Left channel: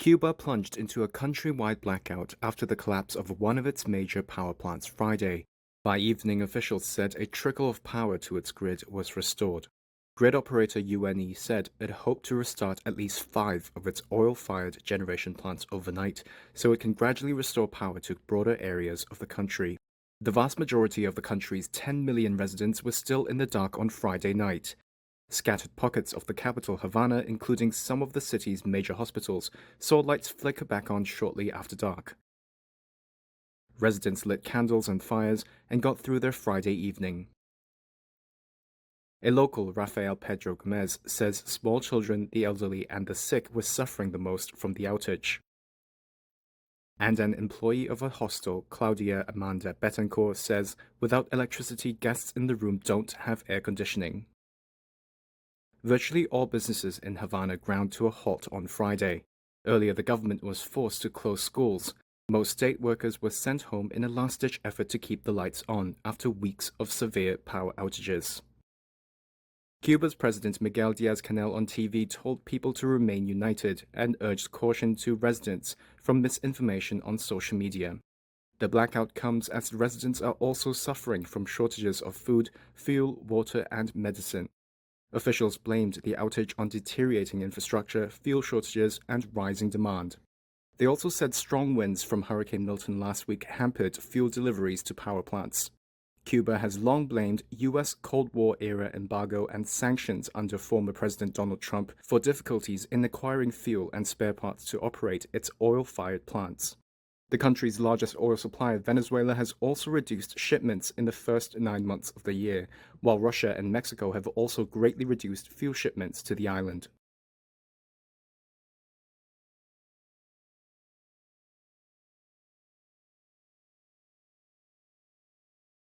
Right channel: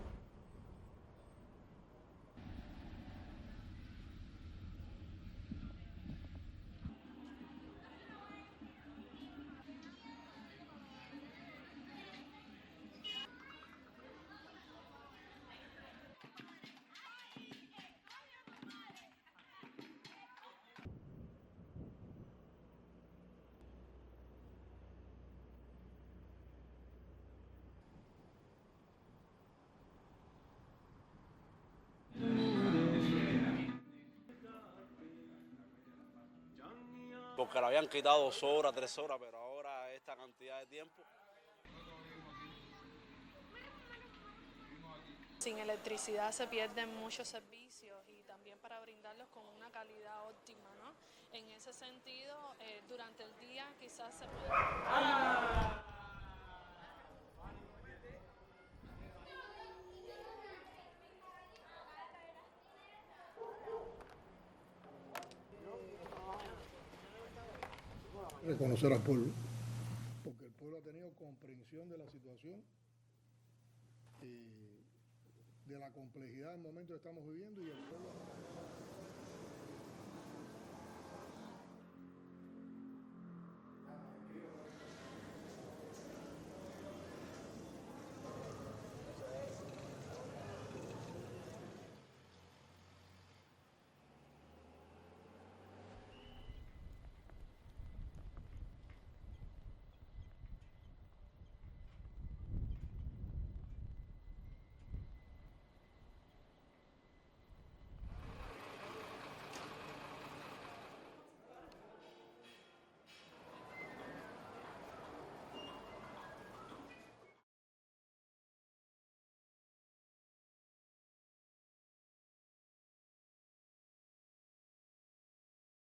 Cuba plunged into a countrywide blackout after the collapse of one of its major power plants Friday. By evening, officials said a trickle of power to its grid was restored. Grid operator UNE said it hoped to restart at least 5 of its oil-fired generation plants overnight, so it can gradually restore power to broader areas of the country. The vast majority of the country's 10 million residents were still in the dark on Friday night. Scattered pockets of the capital Havana, including some of the city's major hospitals, saw lights flicker back on shortly after dark. Residents lit candles and fires and got through their Friday evening. A local, Rafael Pedro Gomez, says small children, the elderly, and the sick were suffering the most from the outage. And an employee of a hostel, Claudia Amanda Betancourt, says without electricity, guests in the room don't have air conditioning. Virtually all businesses in Havana ground to a halt on Friday. Earlier, the government was forced to close schools. Most state workers were sent home in a last-ditch effort to keep the lights on after weeks of severe power outages. Cuba's President Miguel Diaz-Canel on TV told people to remain united and urged caution to residents from misinformation on social media. The blackout comes as residents are also suffering from shortages of food, fuel, water, and medicine. Officials blamed the outage on deteriorating infrastructure, fuel shortages, and rising demand. They also said strong winds from Hurricane Milton last week hampered fuel deliveries to power plants. Cuba has long blamed U.S. Cold War-era embargo and sanctions under former President Donald Trump for difficulties in acquiring fuel and spare parts to operate its oil-fired plants. The country's largest oil supplier, Venezuela, has also reduced shipments in the first 9 months of the year, while Russia and Mexico have also greatly reduced fuel shipments to the island.